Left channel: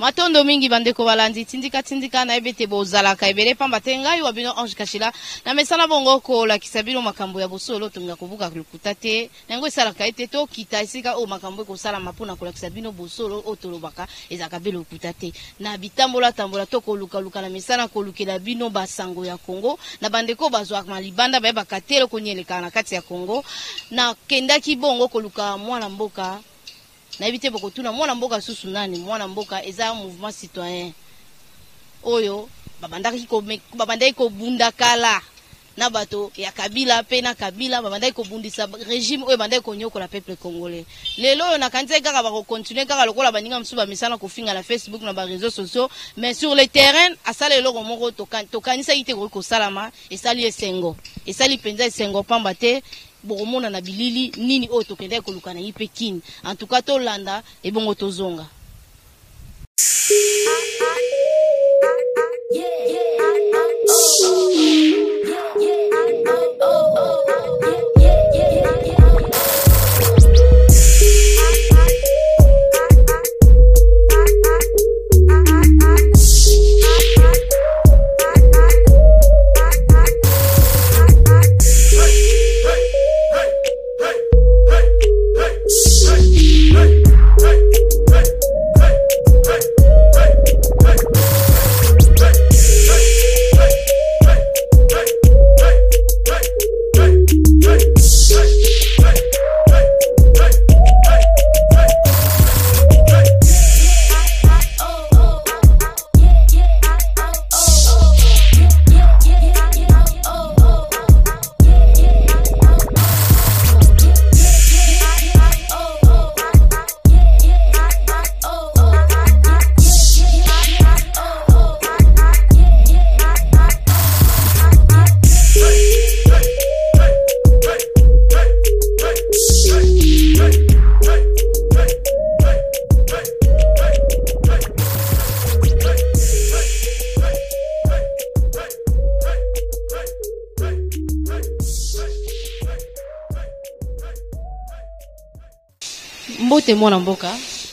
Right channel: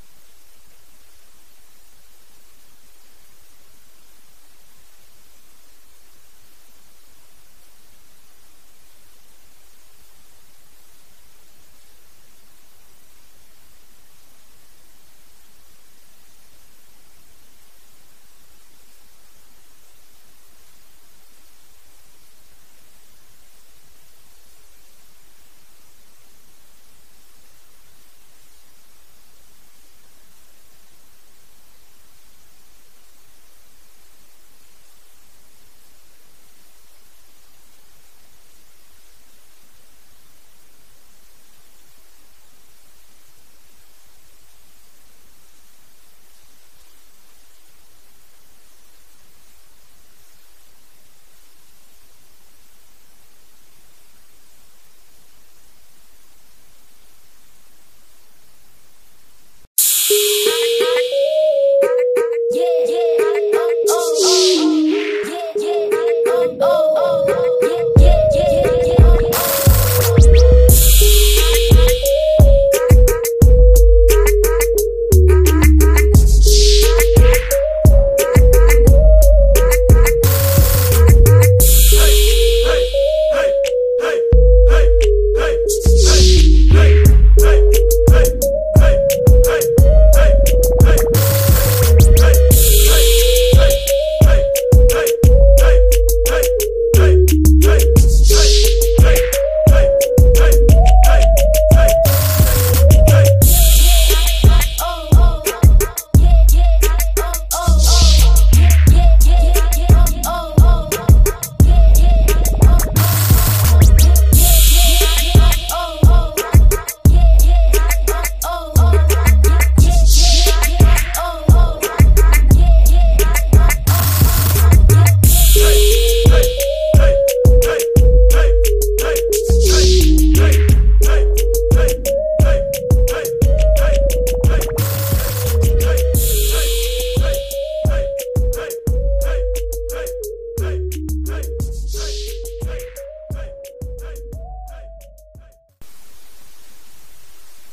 Matondo mingi bandeko balandi tindika na ebete bozala ka ebele pamba tengai wa bino Ange Kashila na mesana bongo ko la kisabilo makambo ya bosolo tumya kubuka kukuta te nango sala ka ete to kita isika o makambo ko sala mapuna ko la kisabino bosolo otolobaka ezaka belo kuta te na bitambola tambola to ko luka na mesana ko lukela bino basango ya Kongo na bandeko bazwa malibanda ba bakatelo ko nyeleka na kati ya Kongo na kendaki bongo ko luka mwana mboka na ebite boko tuna mwana mboka susu nani mwana mboka eza mouvement citoyen oyo babandaki ko bunda kala na bato ya Kabila pe na Kabila babandaki ko bundisa régime oyo bandaki ko nyokola peuple congolais lelo oyo na kanisa kaka ba continuer kaka lokola baninga msuba misala ko finga na Facebook na ba réseaux sociaux mais sur le terrain asala eloko moko tokanisa ite ko salama esali esengo esali penza esengo pamba te boromona na bilili nini o tokende ko lukana yipe kin en tout cas to landa e bongo tozonga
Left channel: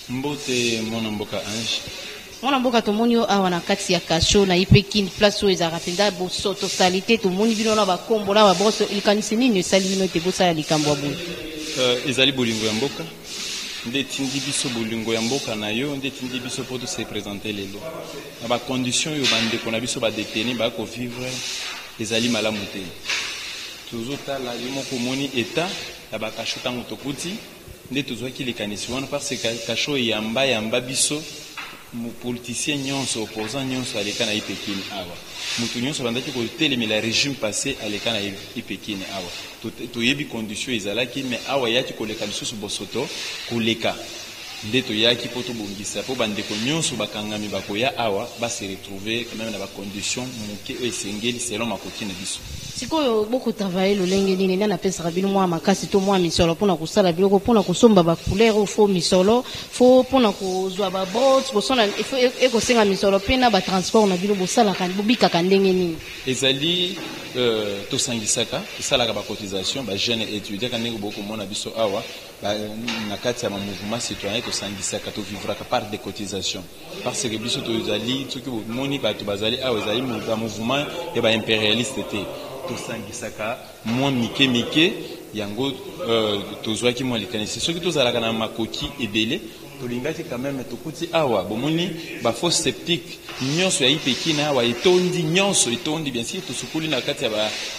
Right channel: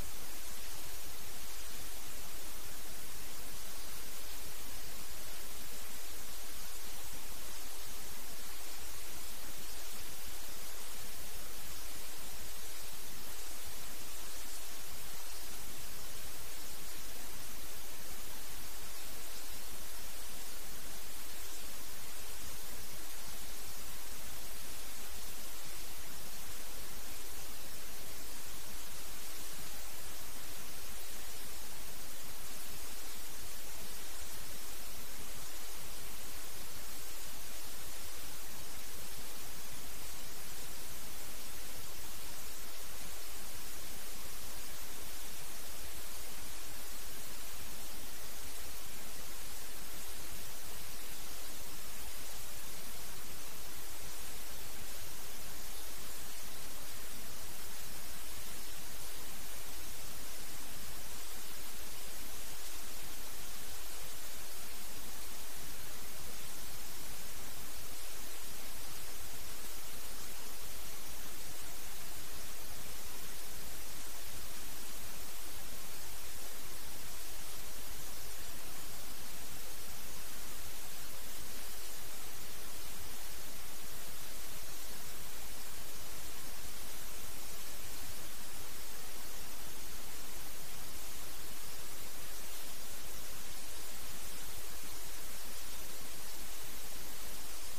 Mbote mwana mboka Ange mwana mboka tomoni yo awa na kati ya kasho na ipekini place oyo ezaka penda bosoto salite tomoni bino na bakombo na baboso ilikanisi nini esali bino ete bosala likambo ya boye ezali bolingo ya mboka nde tindi biso bolingo ya mboka na yo nde tindi biso po to se présenter lelo na ba condition yo bandeko na biso ba détenu ba ko vivre ezali malamu te tozotala yo moko moni état ya ba kasho tango tokuti nde tozwaki likanisi wana parce que kasho yamba biso mu politicien nyonso opposant nyonso aleka na ipekini awa mutu nyonso bandaki kotelemela régime passé aleka na ipekini awa toyebi condition ezalaki mais awa yaki koleka lisusu bosoto koleka nde toyaki po tobongisa po bandeko nyonso bakangami bakoya awa base retrouver quand même na bacondition moke oyo esengeli selon makoki na biso sikoyo boko travailler lolenge nini na pesa bino mwa makasi to mwa misolo pona kusala biloko pona kusomba ba couleur fo misolo fo pona kuzwa ba bots bosona eko senga misolo pena ba transport na bilo bosala kan bobika kandenge nini ezali to sangisaka salaka ba cotisation ba jeune étudiant kanenge boko mona biso awa na kati ya mouvement citoyen to sangisaka to vivra par des cotisations parce que biso to ezali tuki moni ba to bazali awa ezali mouvement et ba impérialiste te tosangisaka mwa mike yango tozwaki mwa likanisi soki tozalaka na makoki ebele tolingaki quand même tokuti awa bomoni ba faux sceptique nyonso ya ipekini awa etondi nyonso etondi bien sûr tosukuli na kati ya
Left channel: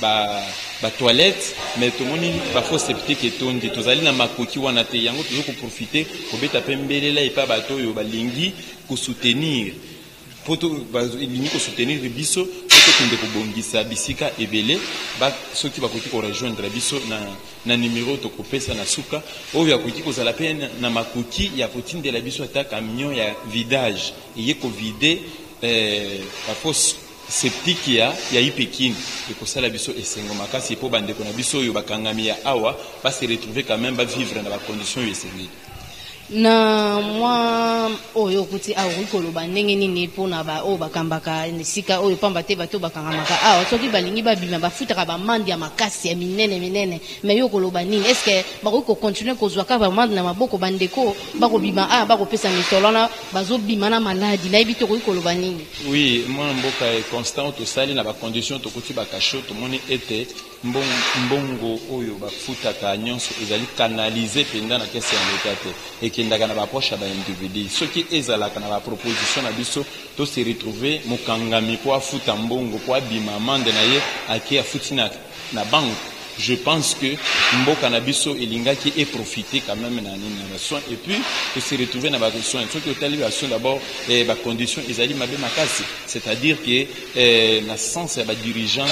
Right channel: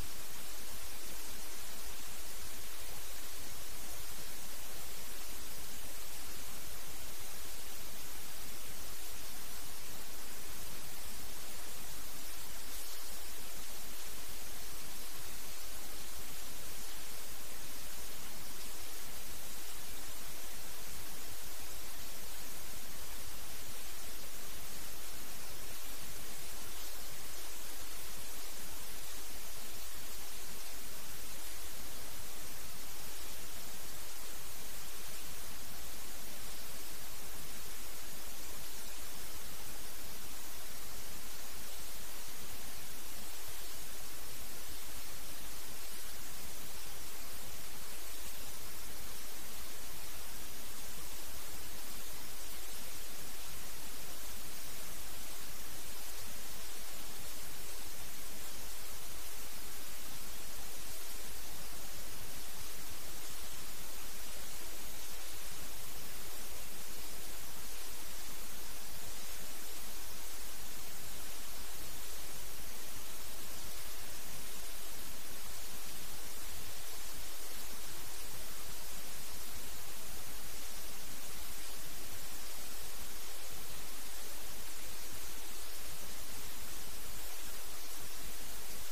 ba toilette mais tomoni ba faux sceptique etondi tozali na makoki wana te yango tozoko profiter kobeta pembelela epa bato oyo balingi ko soutenir poto balingi ko soutenir biso poto kende kobongisa bisika ebele ba soki bakoki ko rejoindre biso na numéro to kopesa na suka oyo yakoki kozala pe na makoki ya kotindela biso ata camion ya vidage eye ko vider ba fosse septique ya ipekini ekosala biso esengo makasi po bandeko na biso oyo bakangami ya awa ba se retrouver quand même ba vivre na ba conditions esengeli na mwa oyo kuti awo koloba ndenge nini pona ba o bakambaka nesika oyo pamba te bato bakangamaka awa soki balingi babima bafutaka bamandi ya makasi ya minene me yo koloba nini est-ce que bako continuer kozwa ka bamandi na maboko bandeko bako bima bako pesa misolo na bazo bima na maladi na ibito ko koloba nini? Oui, moi mboka est constant to sali na ba condition to kuti bakasho to moni ete mbongo oyo bafutaka nyonso ezali canaliser penda na kesi ya l'état et kindaka na bapoche ba individu soki ezalaka na ba proposition na biso to se retrouver mokangami po afuta mbongo po abima amande na ye aki afuti na banque. Je pense que mboka na biso elingaki et profiter quand même na nini na soin et puis de se retrouver na ba soin soki otali ba soin d'abord ba condition ezali mabe makasi, c'est-à-dire que na sens ya ba dirigeant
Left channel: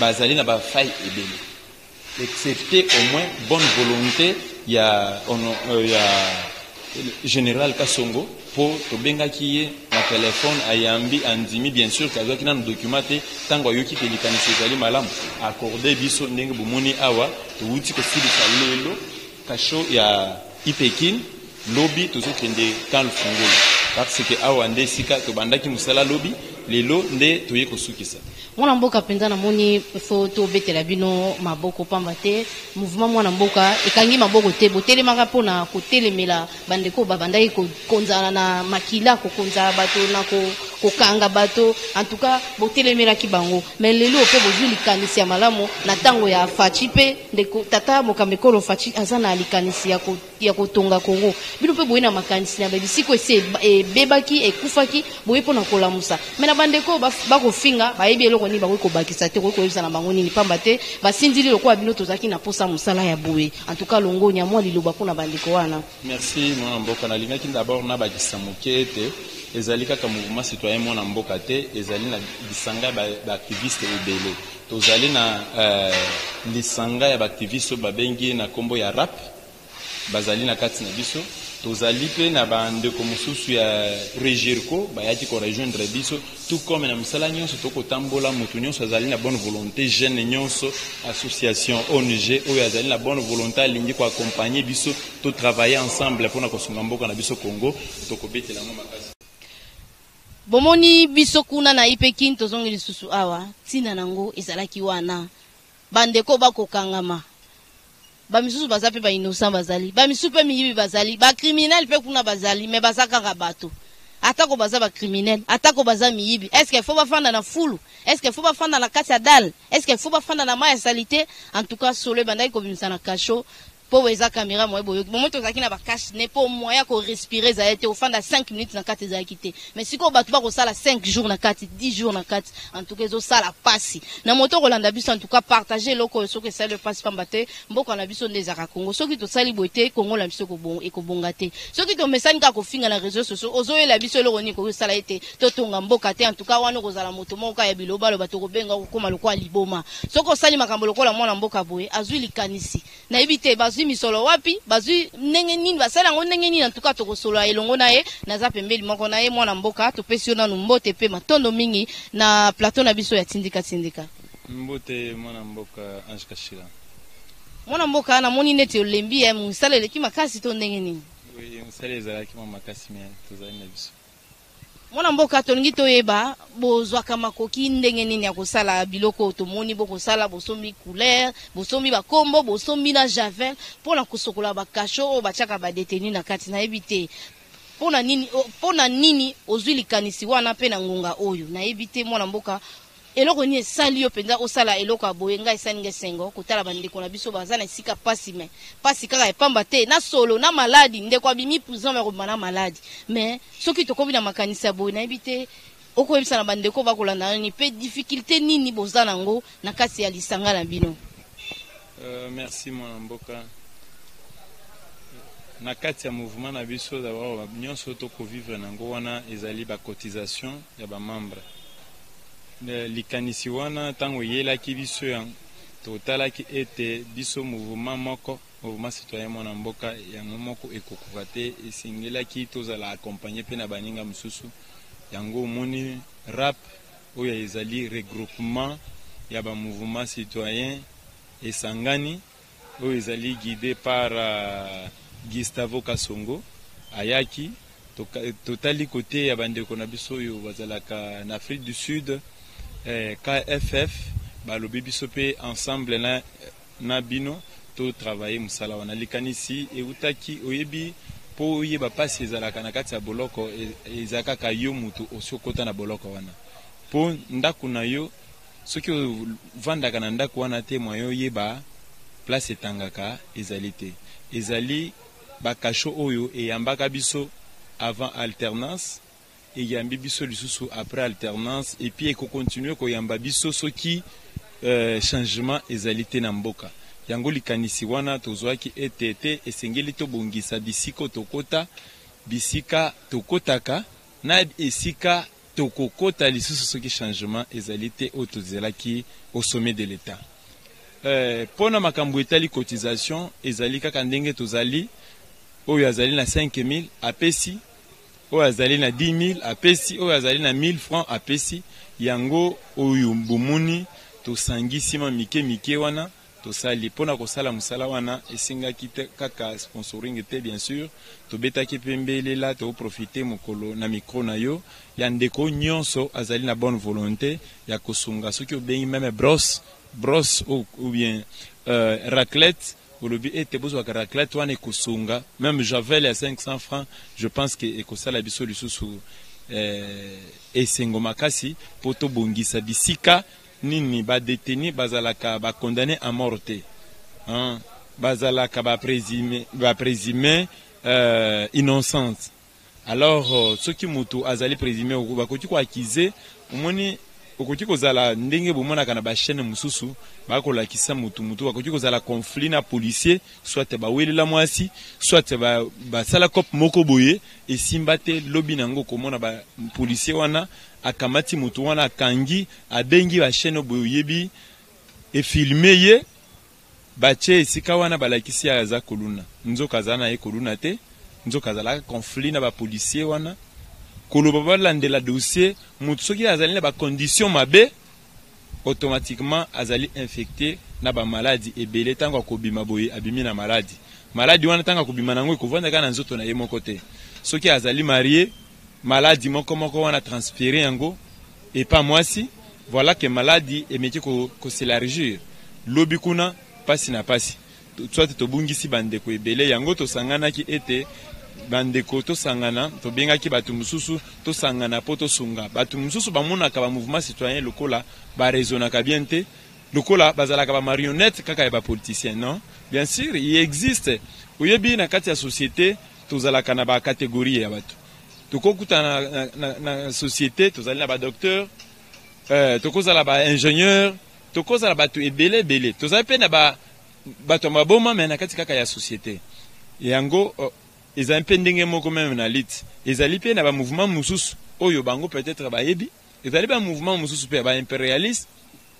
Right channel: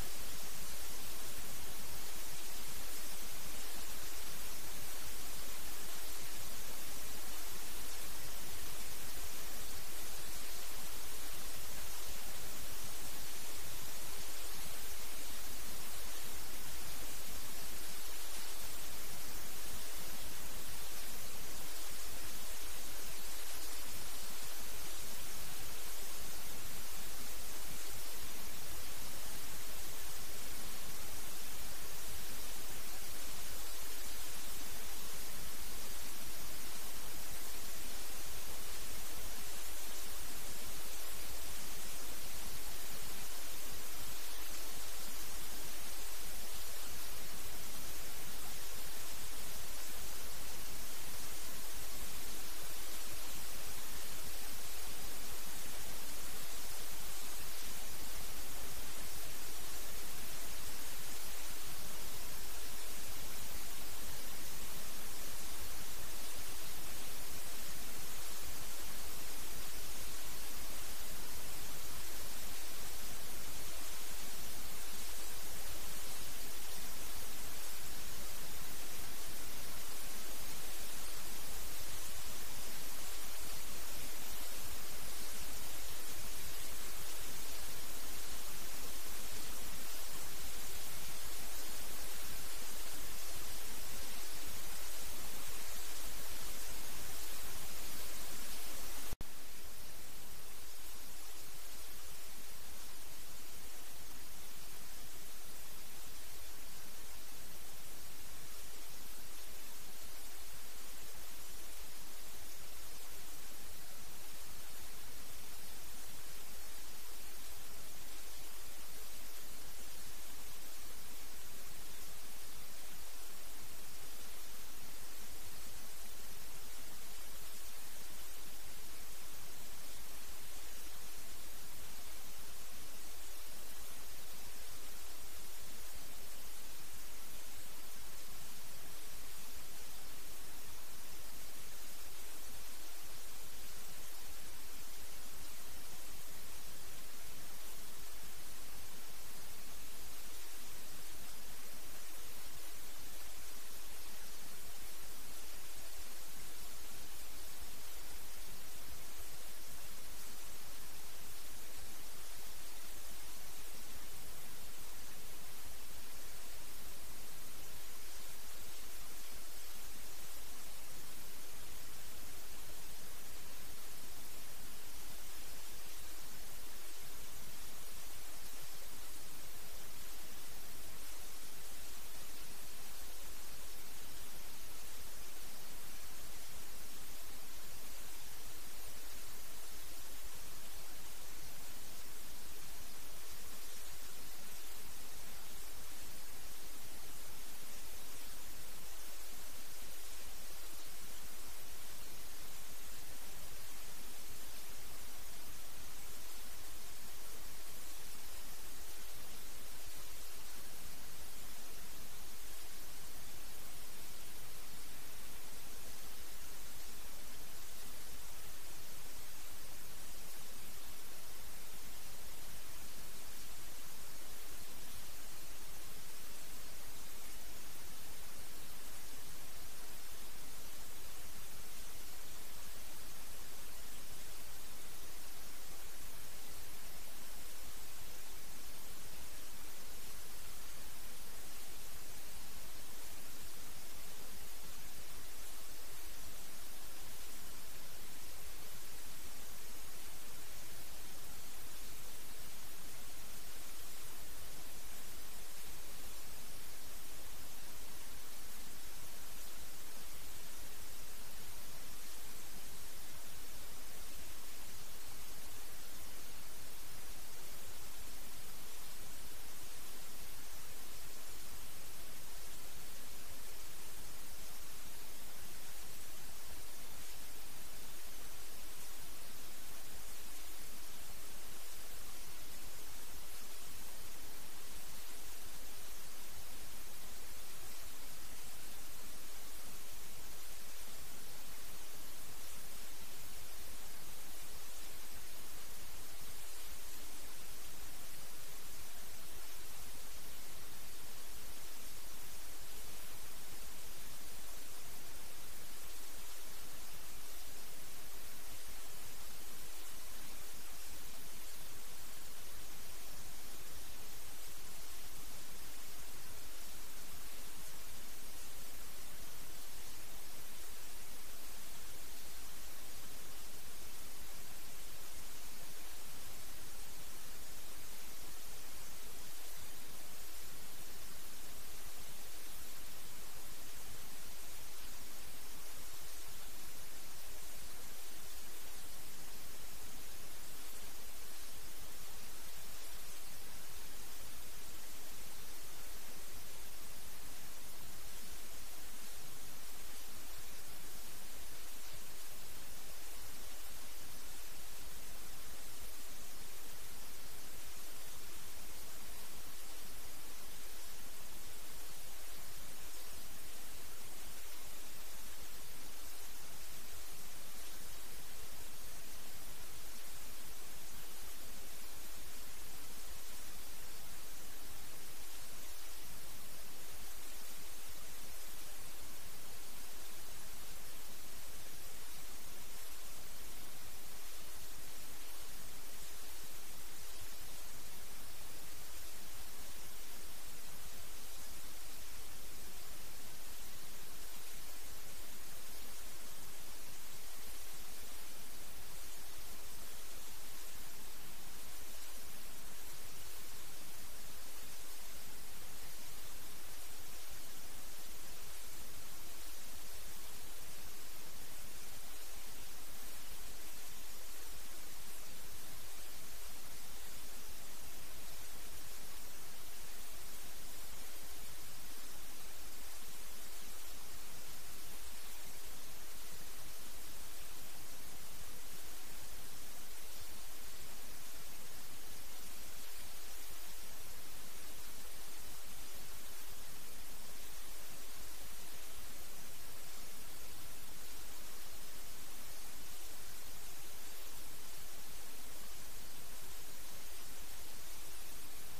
bazali na ba faille ebele excepté au moins bonne volonté ya général Kasongo pour tobengaki ye na téléphone ayambi andimi bien sûr kazaki na documenté tango yoki ke likanisi ezali malamu accordé biso ndenge bomoni awa touti ko silisa lelo kasho ya Ipekin lobby tozokende kan fungolo parce que awa nde sika tobandaki musala lobby lelo nde toye kosukisa mwana mboka penza na moni foto betela bino maboko pamba te mouvement mwana mboka ekangi maboko te botelemaka pona kotelemela bandeko babandaki konzana na makila kokonza bato na kokanga bato en tout cas botelemelaki bango mais lelo pe bozwi likanisi ya malamu na tango ya Fachi pe ndeko tata mokamekolo Fachi aza na likanisi ya kotonga Kongo bino pe boyena makanisi na babisiko ese bebaki ekufaki boye pona kolamusa mais na bandeko bakofinga bayebi eloko ni bako bakisa te ko yebisa na bango nini pamba te basindili lokwa bino tozaki na posa musala ya boye en tout cas longo nya mwa liloba pona bandeko wana. Merci mwana mboka na lingaki d'abord na bakisa mokete ezali kaka mouvement citoyen mwana mboka te ezali na bisanga ba activiste ebele tozali na lisanga ya ba activiste babengi na kombo ya rap bazali na kati na biso tozali pe na bandeko mosusu ya Regirco bayaki ko rejoindre biso tout comme na misala nyonso tokotambola mutu nyonso azali na bonne volonté jeune nyonso association ONG oyo azali na bonne volonté alingi ko accompagner biso to travailler ensemble pour na kosunga mboka na biso Congo tokobetela ngo makasi bomoni biso kuna na Ipekin tozongi lisusu awa tina nango ezalaki wana bandeko bakokangama bamisusu baza pe ba innocent bazali bamisusu pe miyibi bazali ba criminel pe kuna bazali mais bazaka ka bato atako baza ba criminel atako baza miyibi est-ce qu'il faut bafanda na fulu est-ce qu'il faut bafanda na kati ya dal est-ce qu'il faut bafanda na maya salité en tout cas solo bandai ko bimisa na kasho po weza caméra moye boyo moto zaki na ba cache ne po moya ko respirer za été au fanda 5 minutes na kati za kité mais siko batu ba ko sala 5 jours na kati 10 jours na kati en tout cas zo sala pasi na moto Rolanda biso en tout cas partager loko soko ça le passe pambate mboko na biso ndeza ka Congo soki to sali boité Congo la biso ko bon e ko bongate soki to message ka ko finga na réseaux sociaux ozo la biso loko ni ko sala été to tonga mboka te en tout cas wana ko zala moto moka ya biloba lo bato ko benga ko koma lokwa liboma soko sali makambo lokola mwana mboka boye azwi likanisi na ibite misolo wapi bazui ndenge nini basala ngo ndenge nini en tout cas tokosolo elongo naye naza pembeli moko naye mwana mboka topesi na mbote pe matondo mingi na plateau na biso ya tindika mbote mwana mboka Ange Kashila mwana mboka na moni nete olembi ya musala eleki makasi to ndenge nini oui musala ezalaki makasi mais tozali na biso mwana mboka tolingi toyeba bozwaka makoki ndenge nini ya kosala biloko tomoni bokosala bosombi couleur bosombi bakombo bosombi na javel pona kosokola bakasho bachaka badeteni na kati na ebite pona nini ozwi likanisi wana pe na ngonga oyo na ebite mwana mboka eloko ni esali yo penza osala eloko aboye ngai saninge sengo kotala bandeko na biso baza na sika pasi me pasi kaka epamba te na solo na maladi ndeko abimi prison me komana maladi mais soki tokobi na makanisa boye na ebite okoyebisa na bandeko bakolanda ni pe difficulté nini boza nango na kasi ya lisanga na bino. Merci mwana mboka na kati ya mouvement na biso d'abord nyonso toko vivre nango wana ezali ba cotisation ya ba membre likanisi wana tango yelaki biso ya totalaki ete biso mouvement citoyen mwana mboka yango moko ekokufa te esingelaki tozala accompagner pe na baninga mosusu yango moni rap oyo ezali regroupement ya ba mouvement citoyen esangani oyo ezali guidé par Gustavo Kasongo ayaki totali côté ya bandeko na biso oyo bazalaka na Afrique du Sud, KFF balobi biso pe ensemble na bino to travailler musala wana likanisi eutaki oyebi po oyeba pasi ezalaka na kati ya boloko ezalaka ka yo mutu osokota na boloko wana po ndako na yo soki ovandaka na ndako wana te mwa yo yeba place etangaka ezali te ezali bakasho oyo eyambaka biso avant alternance eyambi biso lisusu après alternance et puis ekokontinue koyamba biso soki changement ezali te na mboka yango likanisi wana tozwaki etete esengeli tobongisa bisika tokota bisika tokotaka na esika tokokota lisusu soki changement ezali te oyo tozelaki au sommet de l'état. Pona makambo etali cotisation ezali kaka ndenge tozali oyo azali na 5000 apesi oyo azali na 10000 apesi oyo azali na 1000 francs apesi yango oyo bomuni tosangisi ma mike wana tosali pona kosala musala wana esingaki kaka sponsoring te bien sûr tobetaki pembelela to profiter mokolo na micro na yo ya ndeko nyonso azali na bonne volonté ya kosunga soki obengi même brosse ou bien raclette olobi ete bozwaka raclette wana ekosunga même javel ya 500 francs je pense que ekosala biso lisusu esengo makasi po tobongisa bisika nini ba détenu bazalaka ba condamné à mort te bazalaka ba présumé innocente alors soki mutu azali présumé bakoki ko accuser omoni okoki kozala ndenge bomonaka na ba chaîne mususu bakolakisa mutu bakoki kozala conflit na policier soit bawelela mwasi soit basala cop moko boye esimba te lobi nango komona ba policier wana akamati mutu wana akangi abengi ba chaîne boye yebi e filmer ye bache esika wana balakisi aza koluna nzoka zana ye koluna te nzoka zala conflit na ba policier wana koloba balandela dossier mutu soki azali na ba condition mabe automatiquement azali infecté na ba maladie ebele tango akobima boye abimi na maladie wana tango akobima nango ekovanda kana nzoto na ye moko te soki azali marié maladie moko wana transférer yango et pas mwasi voilà que maladie emeki ko s'élargir lobi kuna pasi na pasi soit tobungisi bandeko ebele yango tosanganaki ete bandeko tosangana tobengaki batu mususu tosangana po tosunga batu mususu bamonaka ba mouvement citoyen lokola ba raisonnaka bien te lokola bazalaka ba marionnette kaka ya ba politicien non bien sûr il existe oyebi na kati ya société tozalaka na ba catégorie ya batu tokokuta na société tozali na ba docteur tokozala ba ingénieur tokozala batu ebele tozali pe na ba bato maboma mais na kati kaka ya société yango ezali mpe ndenge moko meme na lit ezali mpe na ba mouvement mususu oyo bango peut-être bayebi ezali ba mouvement mususu pe ba impérialiste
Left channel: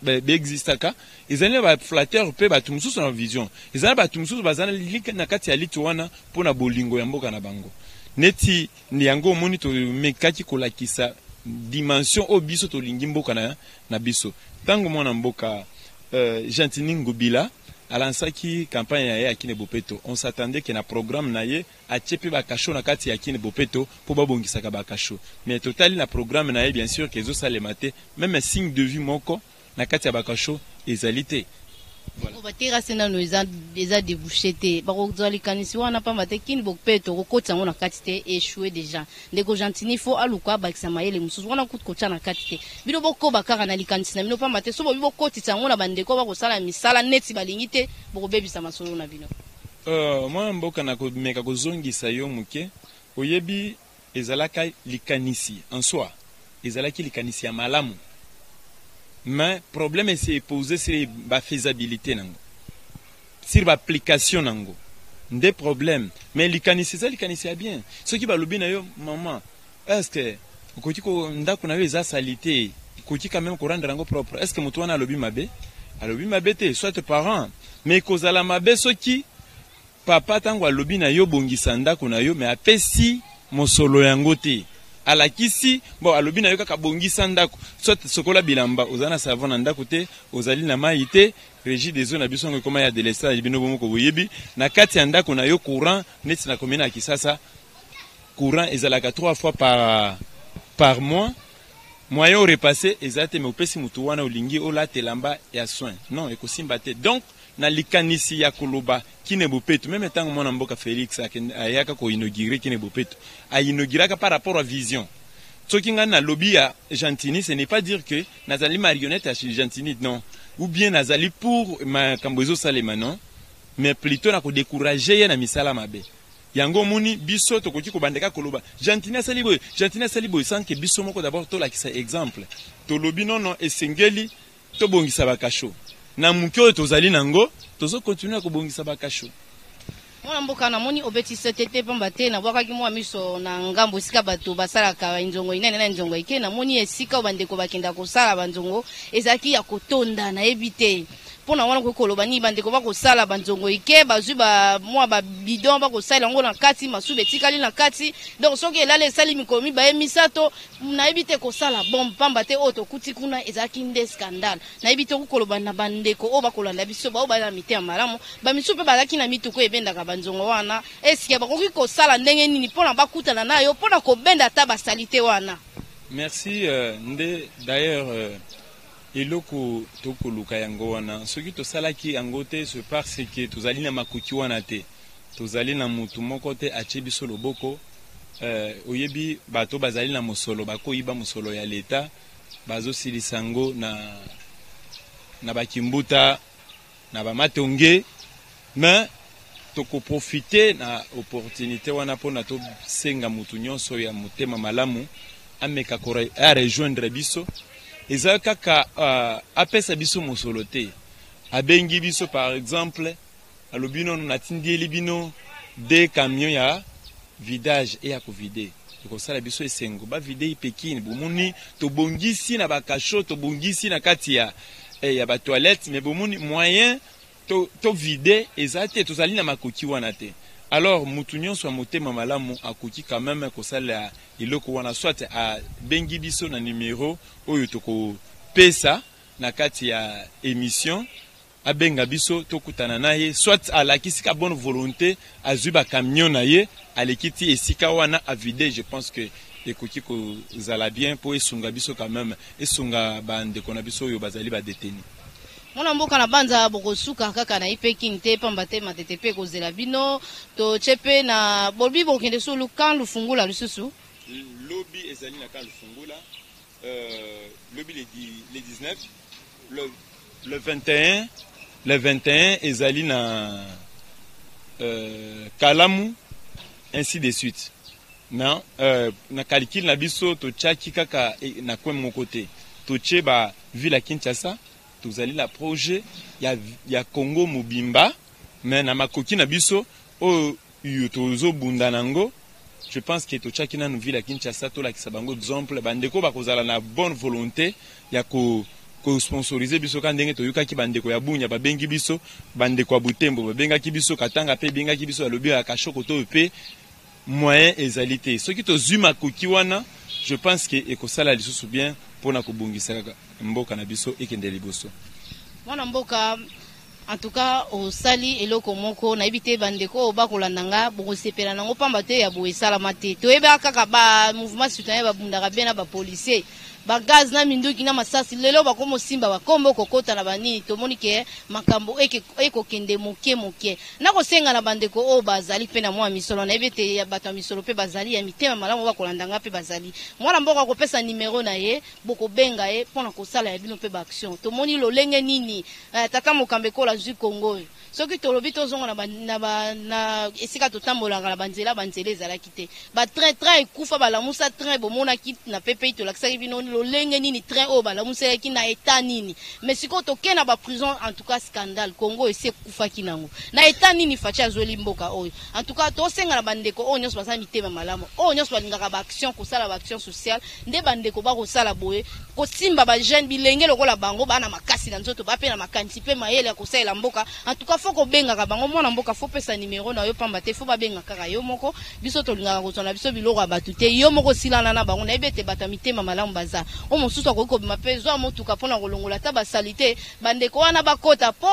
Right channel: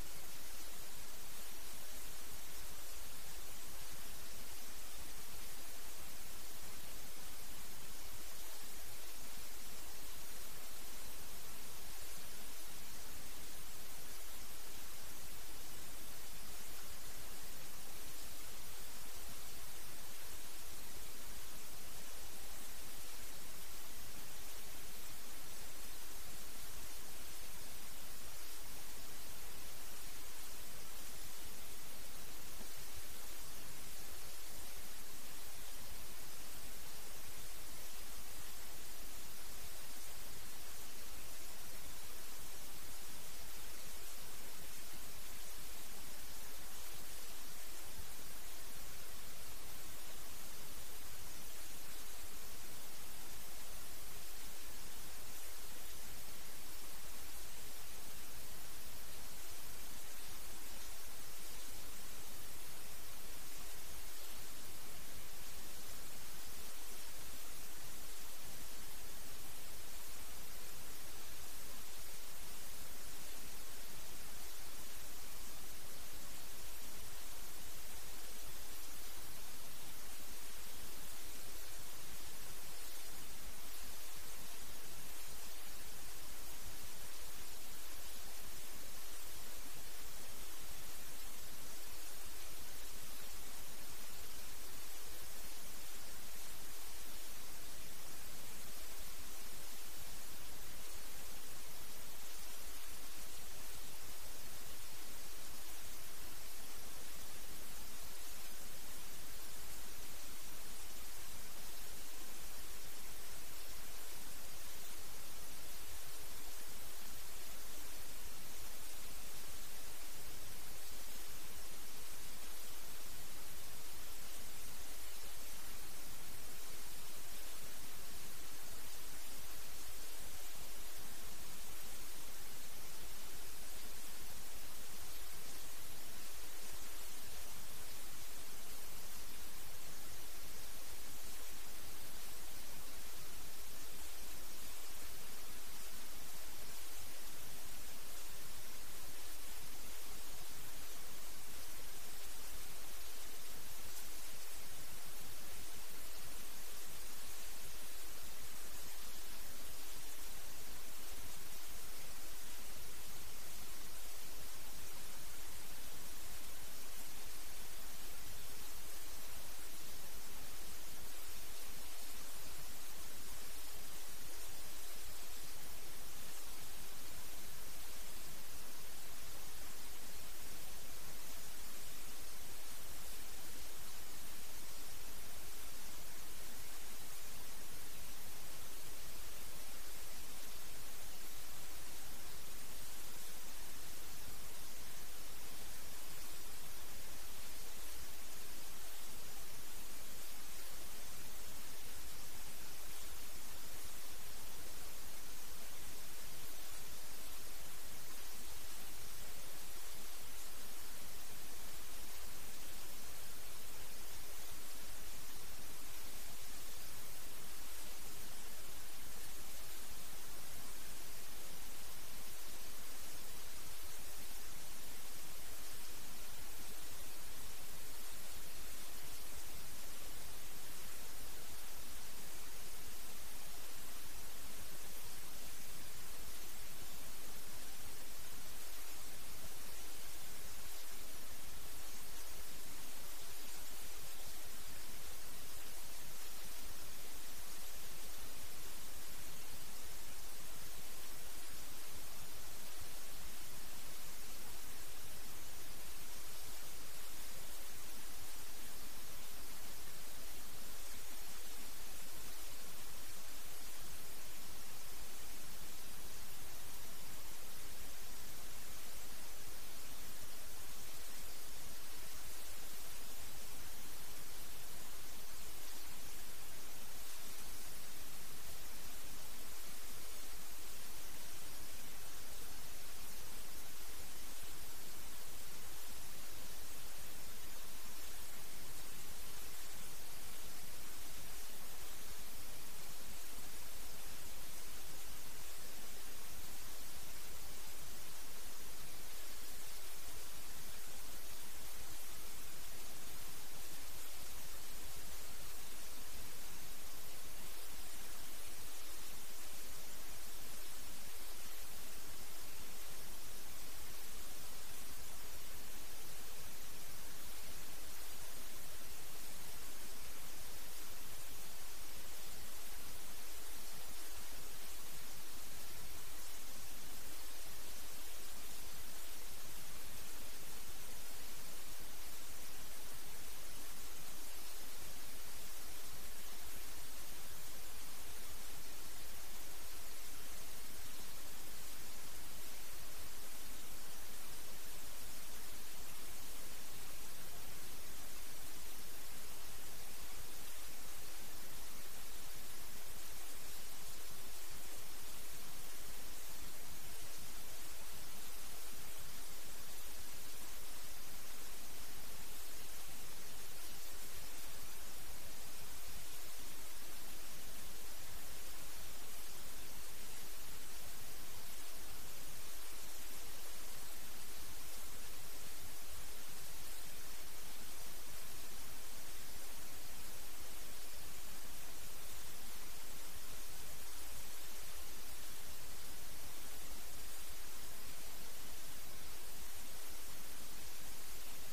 beexistaka ezali ba flatteur mpe batu mususu na vision ezali batu mususu bazali na kati ya lit wana mpona bolingo ya mboka na bango neti ni yango omoni tomekaki kolakisa dimension oyo biso tolingi mboka na biso ntango mwana mboka Gentini Ngobila alansaki campagne ya ye akine Bopeto on s'attendait que na programme na ye achepe bakasho na kati ya akine Bopeto po babongisaka bakasho mais totali na programme na ye bien sûr que ezosalema te même signe de vie moko na kati ya bakasho ezali te voilà batira sena no eza débouché te bakozali kanisi wana pa matekini Bopeto kokotsa ngona kati te échoué déjà ndeko Gentini fo aluka bakisa mayele mususu wana kutkocha na kati te bino boko bakara na likanisi na bino pa mate so bo kotitsa ngona bandeko bakosala misala neti balingi te bokobebisa masolo na bino moi mboka na komeka kozongisa yo muke oyebi ezalaka likanisi en soi ezalaki likanisi ya malamu mais problème c'est posé sur la faisabilité nango sur l'application nango des problèmes mais likanisi ya bien ce qui va lobi na yo maman est-ce que okoti ko ndako na yo eza salité okoti quand même ko rendre nango propre est-ce que mutu wana alobi mabe te soit parent mais kozala mabe soki papa tango alobi na yo bongisa ndako na yo mais apesi mosolo yango te alakisi bon alobi na yo kaka bongisa ndako soit sokola bilamba ozana savon na ndako te ozali na mai te régie des eaux na biso ngo koma ya délestage bino bomoko boyebi na kati ya ndako na yo courant neti na komina Kisasa courant ezalaka 3 fois par mois moyen aurait passé ezate mais opesi mutu wana olingi olatelamba ya soin non ekosimba te donc na likanisi ya koloba kine bopeto même tant mwana mboka Félix ayaka ko inaugurer kine bopeto a inauguraka par rapport à vision soki nga na lobby ya Gentini ce n'est pas dire que nazali marionnette à Gentini non ou bien nazali pour makambo ezosalema non mais plutôt na ko décourager na misala mabe yango moni biso tokoki kobandeka koloba Gentini asali boy sans que biso moko d'abord to lakisa exemple to lobi non esengeli to bongisa bakasho na mukyo tozali nango tozo continuer ko bongisa bakasho mwana mboka na moni obeti setete pamba te na bwaka ki mwa miso na ngambo sika bato basala ka nzongo inene na nzongo ike na moni esika bandeko bakenda kosala banzongo ezaki ya kotonda na ebite pona wana ko koloba ni bandeko bakosala banzongo ike bazwi ba mwa ba bidon bakosala ngo na kati masube tikali na kati donc soki elale esali mikomi ba emisato na ebite kosala bombe pamba te oto kuti kuna ezaki nde scandale na ebite ko koloba na bandeko o bakolanda biso ba na mite ya malamu ba misupe bazaki na mituko ebendaka banzongo wana eske bakoki kosala ndenge nini pona bakutana nayo pona kobenda ta basalite wana. Merci nde d'ailleurs eloko tokoluka yango wana soki tosalaki yango te c'est parce que tozali na makuki wana te tozali na mutu moko te atie biso loboko oyebi bato bazali na mosolo bakoyiba mosolo ya leta bazosilisa yango na bakimbuta na bamatonge mais tokoprofite na opportunité wana mpona tosenga mutu nyonso ya motema malamu ameka a rejoindre biso eza kaka apesa biso mosolo te abengi biso par exemple alobi nono natindieli bino de camion ya vidage e ya kovide tokosala biso esengo bavide ipekini bomoni tobongisi na bakasho tobongisi na kati ya batoilette mais bomoni moyen to vide eza te tozali na makoki wana te alors mutu nyonso ya motema malamu akoki quand même kosala iloko wana soit a bengi biso na numéro oyo tokopesa na kati ya émission abenga biso tokutana na ye soit alakisi ka bonne volonté azwi ba camion na ye alekiti esika wana a vider je pense que ekoki kozala bien po esunga biso quand même esunga bandeko na biso oyo bazali ba détenu mwana mboka na banza bokosuka kaka na ipekini te pamba te matete pe kozela bino to chepe na bolbi bokende so lukan lufungula lisusu lobby ezali na kan lufungula lobby les 19 le 21 ezali na Kalamu ainsi de suite na calcul na biso to chaki kaka na kwa moko te to cheba ville Kinshasa tozali la projet ya Congo Mobimba mais na makoki na biso o tozo bunda nango je pense que to chaki na ville Kinshasa to la kisabango exemple bandeko bakozala na bonne volonté ya ko sponsoriser biso ka ndenge toyukaki bandeko ya Bunya babengi biso bandeko ya Butembo babengaki biso Katanga pe bengaki biso ya lobi ya Kashoko to pe moyen ezalité soki tozwi makoki wana je pense que ekosala lisusu bien pona kobongisa kaka mboka na biso ekende liboso mwana mboka en tout cas au sali eloko moko na ibite bandeko bakolanda nga bokosepela nango pamba te ya boesala mate toyeba kaka ba mouvement citoyen babundaka bien na ba policier ba gaz na minduki na masasi lelo bakomo simba bakombo kokota na banini tomoni ke makambo eko kende moke na kosenga na bandeko o bazali pe na mwa misolo na ebete ya bato misolo pe bazali ya mitema malamu bakolanda nga pe bazali mwana mboka kopesa numero na ye boko benga ye pona kosala ya bino pe ba action tomoni lolenge nini tata mokambe kola zu Congo soki tolobi tozonga na esika totambolanga na banzela ezalaki te ba train ekufa balamusa train bomonaki na pepe tolakisaki bino lolenge nini train oyo balamusaki na etat nini mais sikoyo tokena ba prison en tout cas scandale Congo esi ekufaki nango na etat nini faci azweli mboka oyo en tout cas tosenga na bandeko oyo nyonso basala mitema malamu oyo nyonso balingaka ba action kosala ba action sociale nde bandeko bakosala boye kosimba ba jeune bilenge lokola bango bana makasi na nzoto bape na makanisi pe mayele ya kosalela mboka en tout cas foko benga bango mwana mboka fo pesa numéro na yo pamba te fo ba benga kaka yo moko biso tolingaka kotona biso biloko abatu te yo moko silana na bango na ebete bata mitema malamu baza o mosusu akoki kobima pe zwa motuka mpona kolongola ta basalite bandeko wana bakota po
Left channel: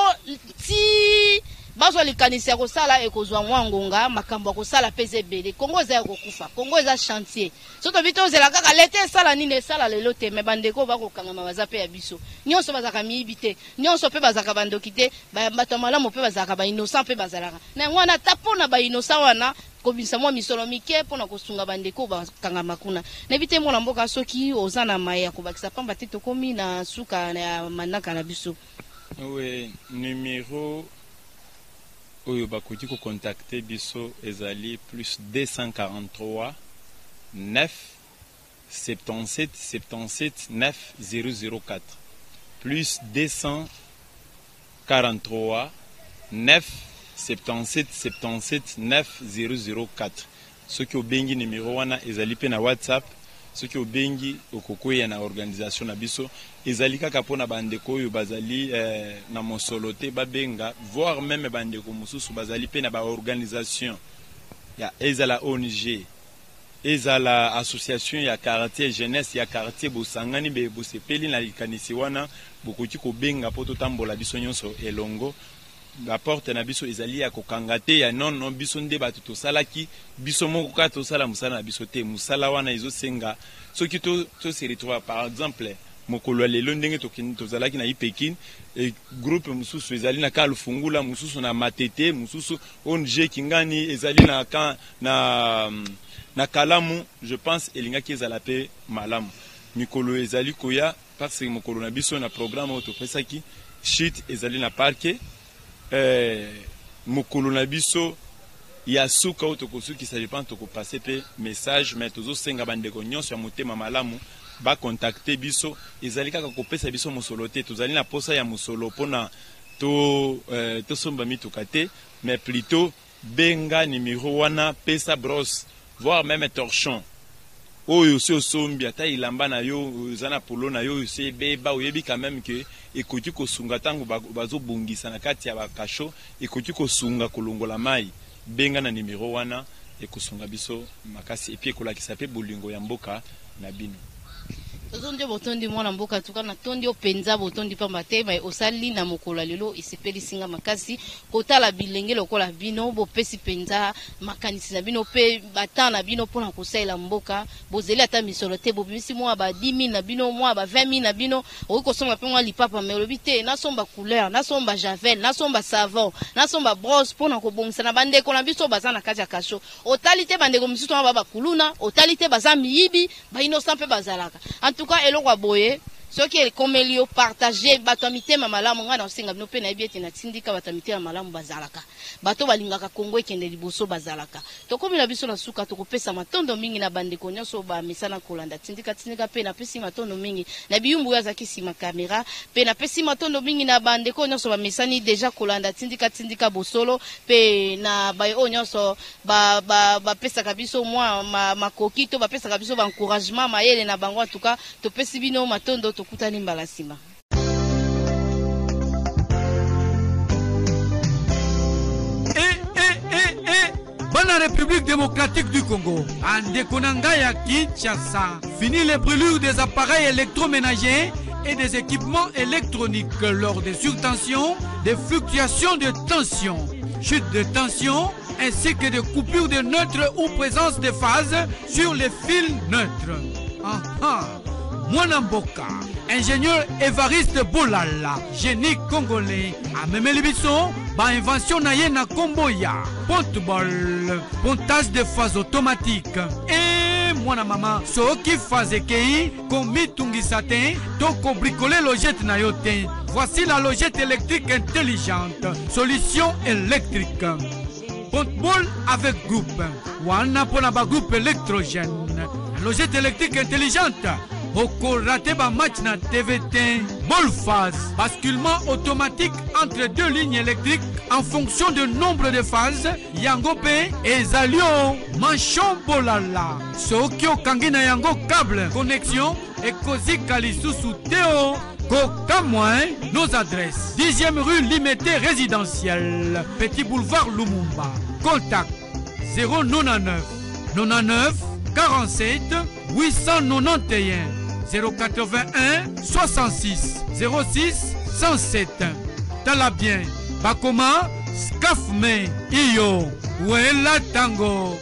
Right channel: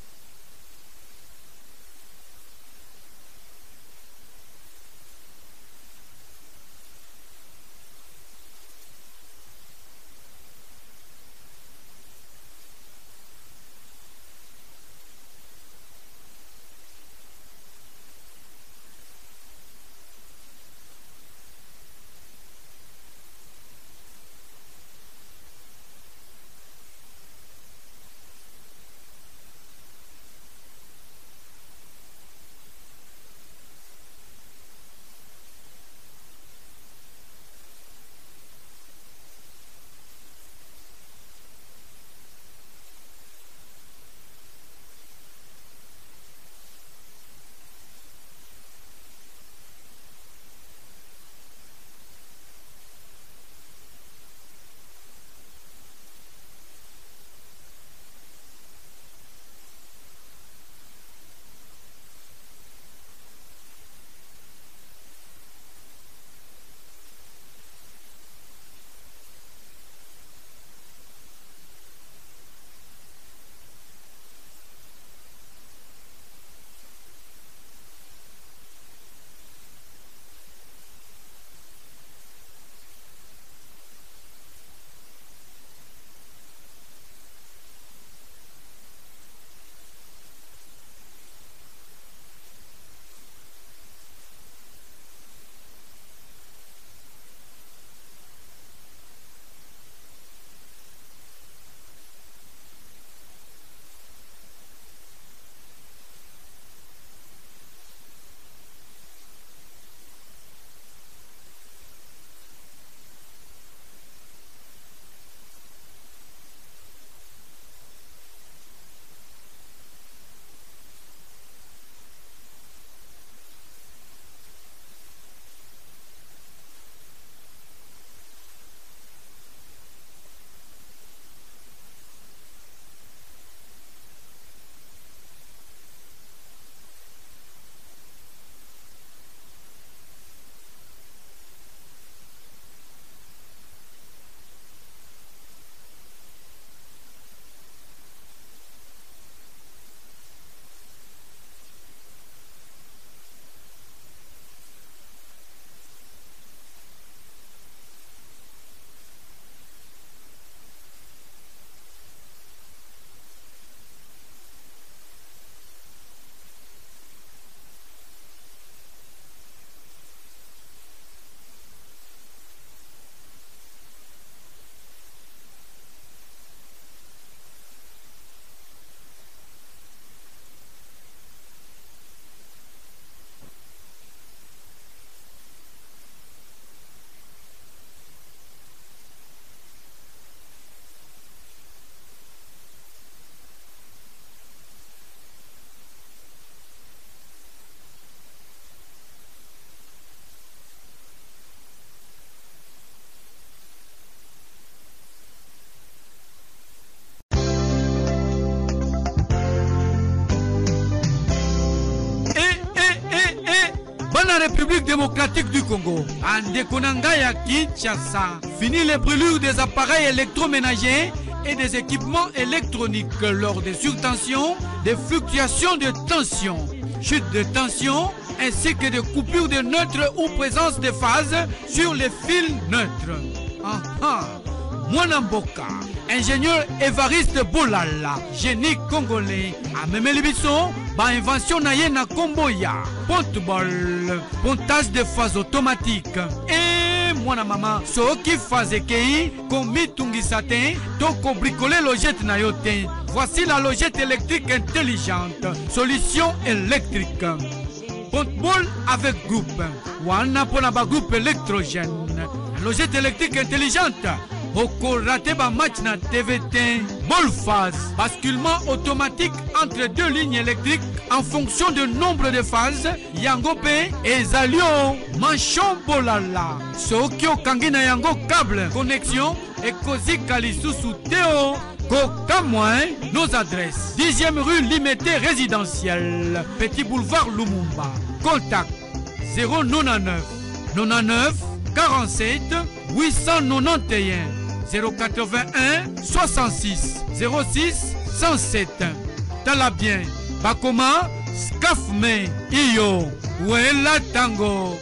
ti bazo likanisi ya kosala ekozwa mwangonga makambo ya kosala peze bele Kongo za kokufa Kongo za chantier soto bito zela kaka lete sala nini sala lelo te me bandeko bakokanga mabaza pe ya biso nyonso bazaka mibite nyonso pe bazaka bandokite bato malamu pe bazaka ba innocent pe bazalaka na ngwana tapona ba innocent wana kobisa mwa misolo mike pona kosunga bandeko bakanga makuna na bite mona mboka soki ozana maya kobakisa pamba te tokomi na suka na manaka na biso. Oui, numéro oyo bakoki ko contacter biso ezali plus 243 9 77 77 9 004 plus 243 9 77 77 9 004 soki obengi numéro wana ezali pe na WhatsApp soki obengi okokoya na organisation na biso ezali kaka pona bandeko oyo bazali na mosolo te babenga voire même bandeko mosusu bazali pe na ba organisation ya ezala ONG ezala association ya quartier jeunesse ya quartier bosangani be bosepeli na likanisi wana bokoki kobenga po totambola biso nyonso elongo. La porte na biso ezali ya kokanga te ya non biso nde bato tosalaki biso moko ka tosala musala na biso te musala wana ezosenga soki to se retrouve par exemple mokolo lelo ndenge tozalaki na Pekin et groupe mususu ezali na Kalufungula mususu na Matete mususu ONG Kingani ezali na Kalamu je pense elingaki ezala pe malamu mikolo ezali koya parce que mokolo na biso na programme autopesaki shit ezali na parke mokolo na biso ya suka otokosuki ça dépend toko passer pe message mais tozo senga bandeko nyonso ya motema malamu ba contacter biso ezali kaka kopesa biso musolo te tozali na posa ya musolo pona to somba mituka te mais plutôt benga numéro wana pesa brosse voire même torchon oyo se osombi ata ilamba na yo zana polo na yo se beba oyebi quand même que ekoki kosunga tango bazobungisa na kati ya bakasho ekoki kosunga kolongola mai benga na numéro wana ekosunga biso makasi epi ekolakisa pe bolingo ya mboka na bino. Tondi botondi mwana mboka tuka na tondi openza botondi pamba te mai osali na mokolo lelo isepeli singa makasi kotala bilenge lokola bino bopesi penza makanisi na bino pe batana bino pona kosala mboka bozeli ata misolo te bobimisi mwa ba 10 000 na bino mwa ba 20 000 na bino okosomba pe mwa lipapa melobi te na somba couleur na somba javel na somba savon na somba brosse pona kobongisa na bandeko na biso bazana kati ya kasho otali te bandeko misusu na baba kuluna otali te baza miyibi ba innocent pe bazalaka en tout cas eloko aboye soki ekomeli yo partager bato mitema malamu nga na osenga bino pe na yebi na tindika bato mitema malamu bazalaka bato balingaka Kongo ekende liboso bazalaka tokomi na biso na suka tokopesa matondo mingi na bandeko nyonso ba mesana kolanda tindika pe na pesi matondo mingi na biyumbu ya zaki sima kamera pe na pesi matondo mingi na bandeko nyonso ba mesani deja kolanda tindika bosolo pe na bayo nyonso ba pesa biso mwa makoki to ba pesa biso ba encouragement mayele na bango en tout cas to pesi bino matondo kutani mbalasima. Bana République démocratique du Congo, Andekonanga ya Kinshasa, fini les brûlures des appareils électroménagers et des équipements électroniques lors des surtensions, des fluctuations de tension, chute de tension, ainsi que des coupures de neutres ou présence de phase sur les fils neutres. Mwanamboka, ingénieur Évariste Bolala, génie congolais, a même l'émission, ba invention naye na Komboya, ponte-ball, pontage de phase automatique. Et mwana mama, so qui phase kei, komi tungisate, toko bricoler logette na yote. Voici la logette électrique intelligente, solution électrique. Ponte-ball avec groupe, wana pona ba groupe électrogène. Logette électrique intelligente. Oko raté ba match na TVT. Ball phase. Basculement automatique entre deux lignes électriques en fonction du nombre de phases. Yangope et Zalio. Manchon bolala. Sokyo kangina yango câble. Connexion. Et Kozi Kalisusu Théo. Coca moins. Nos adresses. 10e rue Limité résidentielle. Petit boulevard Lumumba. Contact 099 99 47 891 081 66 06 107. Talabien Bakoma Scafme iyo wela tango.